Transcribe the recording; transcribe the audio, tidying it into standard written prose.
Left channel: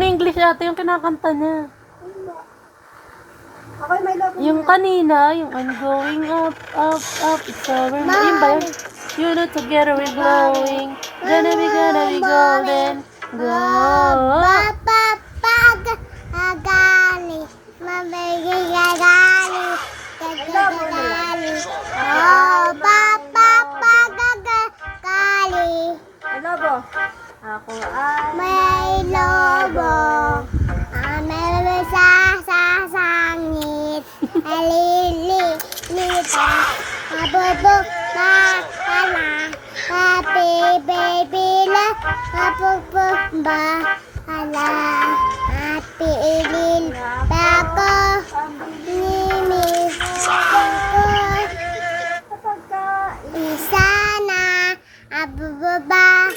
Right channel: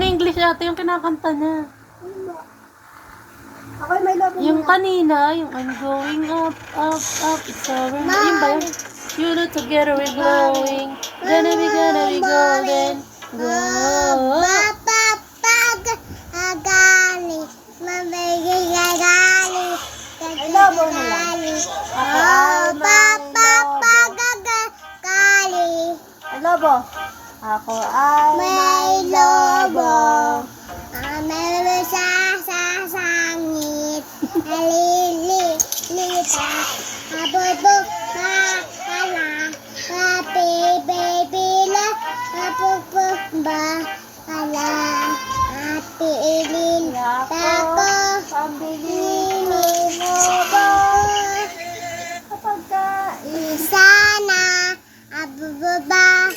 In English ate yung kinakanta niya. Ako may love Yung kanina, yung I'm going up, up, up, it's over. Yun ba yun? You know together we're glowing. Gonna be golden. Go. Agali. Mabigay agali. Agali. Oh, papa, gagali. Lobo. Ako ay May lobo. May sa sangit. Alilita. Abubok na ala. Happy baby la. Abubok ba ala. Happy ilin. Tako. Nini. Ako. kapag ka Sana. Abubaba.